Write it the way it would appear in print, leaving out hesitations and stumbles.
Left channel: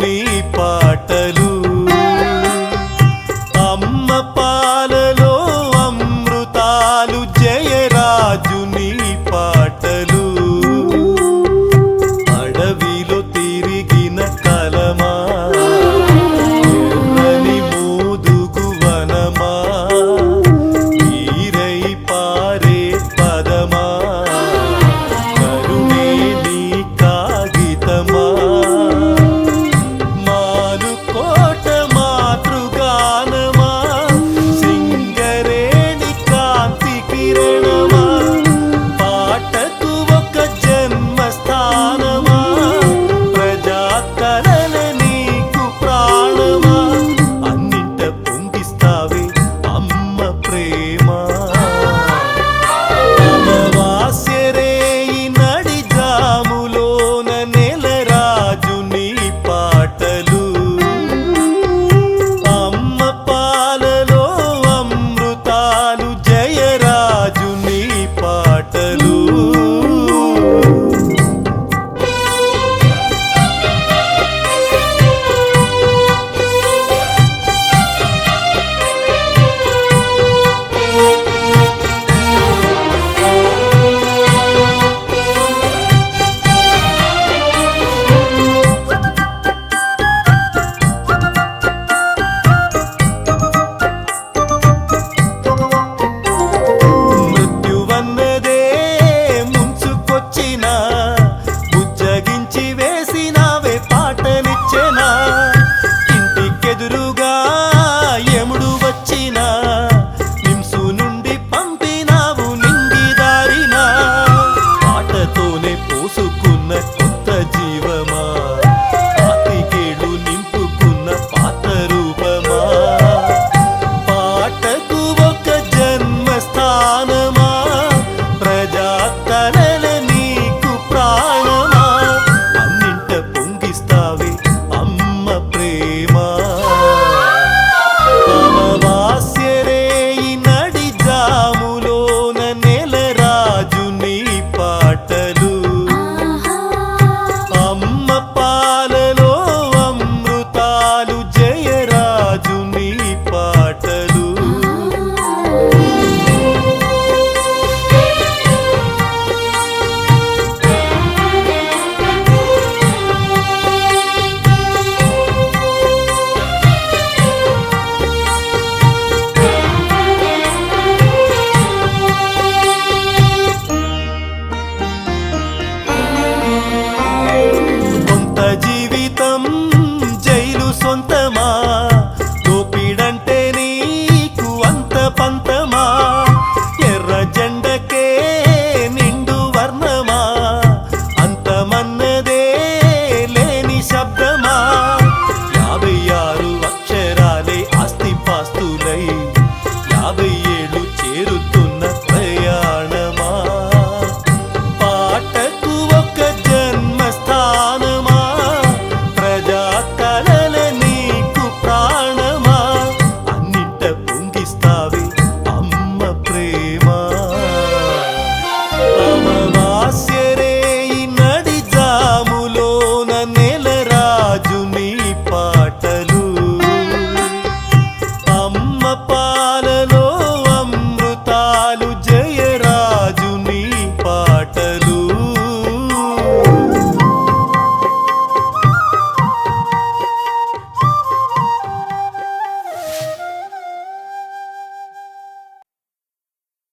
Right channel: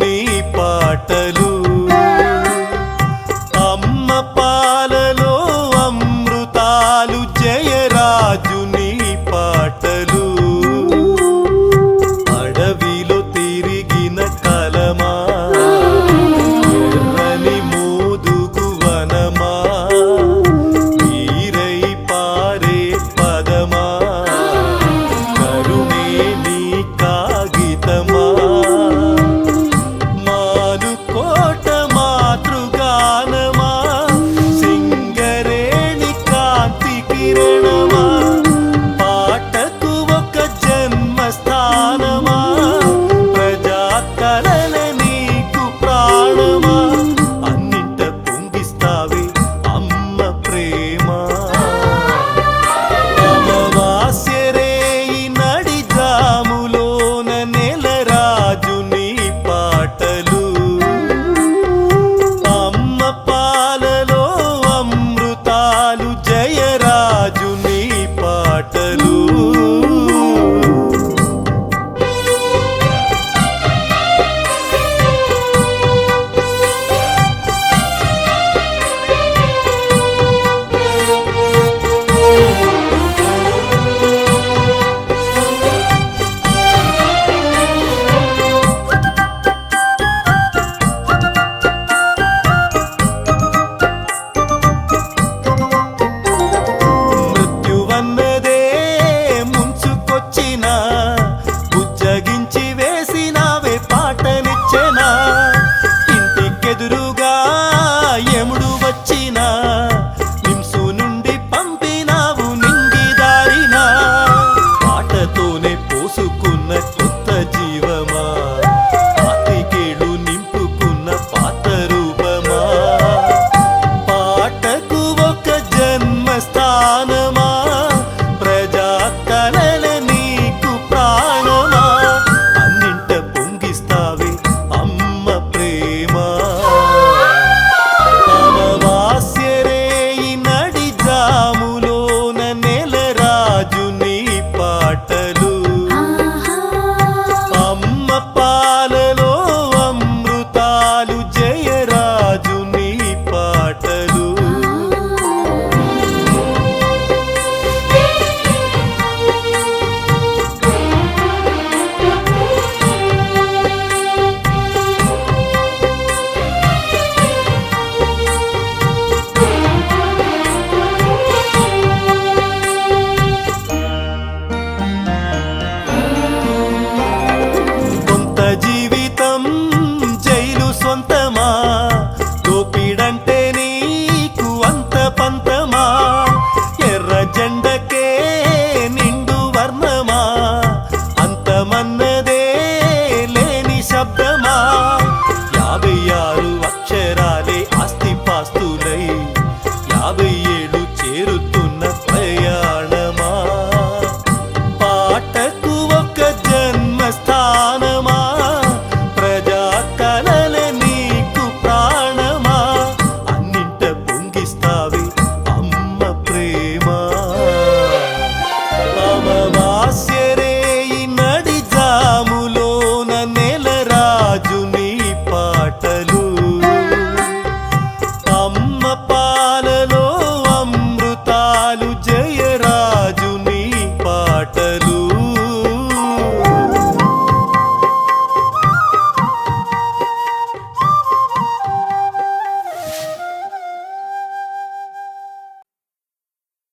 నీ పాటలు అమ్మ పాలలో అమృతాలు జయరాజు నీ పాటలు అడవిలో తిరిగిన కలమా ఎర్రని మోదుగు వనమా వీరై పారే పదమా కరుణే నీ కాగితమా మానుకోట మాతృగానమా సింగరేణి కాంతి కిరణమా పాటకు ఒక జన్మస్థానమా ప్రజా కలల నీకు ప్రాణమా అన్నింట పొంగిస్తావే అమ్మ ప్రేమ అమావాస్యరేయి నడి జాములోన నెలరాజు నీ పాటలు అమ్మ పాలలో అమృతాలు జయరాజు నీ పాటలు మృత్యువన్నదే ముంచుకొచ్చినా బుజ్జగించి వేసినావే పాటనిచ్చెనా ఇంటికెదురుగా యముడు వచ్చినా నింసు నుండి పంపినావు నింగిదారినా పాటతోనే పోసుకున్న కొత్త జీవమా పాతికేళ్ళు నింపుకున్న పాత రూపమా పాటకు ఒక జన్మస్థానమా ప్రజా కలల నీకు ప్రాణమా అన్నింట పొంగిస్తావే అమ్మ ప్రేమ అమావాస్యరేయి నడి జాములోన నెలరాజు నీ పాటలు అమ్మ పాలలో అమృతాలు జయరాజు నీ పాటలు కొంత జీవితం జైలు సొంతమా దోపిడంటే నీకు అంత పంతమా ఎర్ర జెండకే నిండు వర్ణమా అంతమన్నదే లేని శబ్దమా 56 అక్షరాలే ఆస్తిపాస్తులై 50 ఏళ్ళు చేరుతున్న ప్రయాణమా పాటకు ఒక జన్మస్థానమా ప్రజా కలల నీకు ప్రాణమా అన్నింట పొంగిస్తావే అమ్మ ప్రేమ అమావాస్య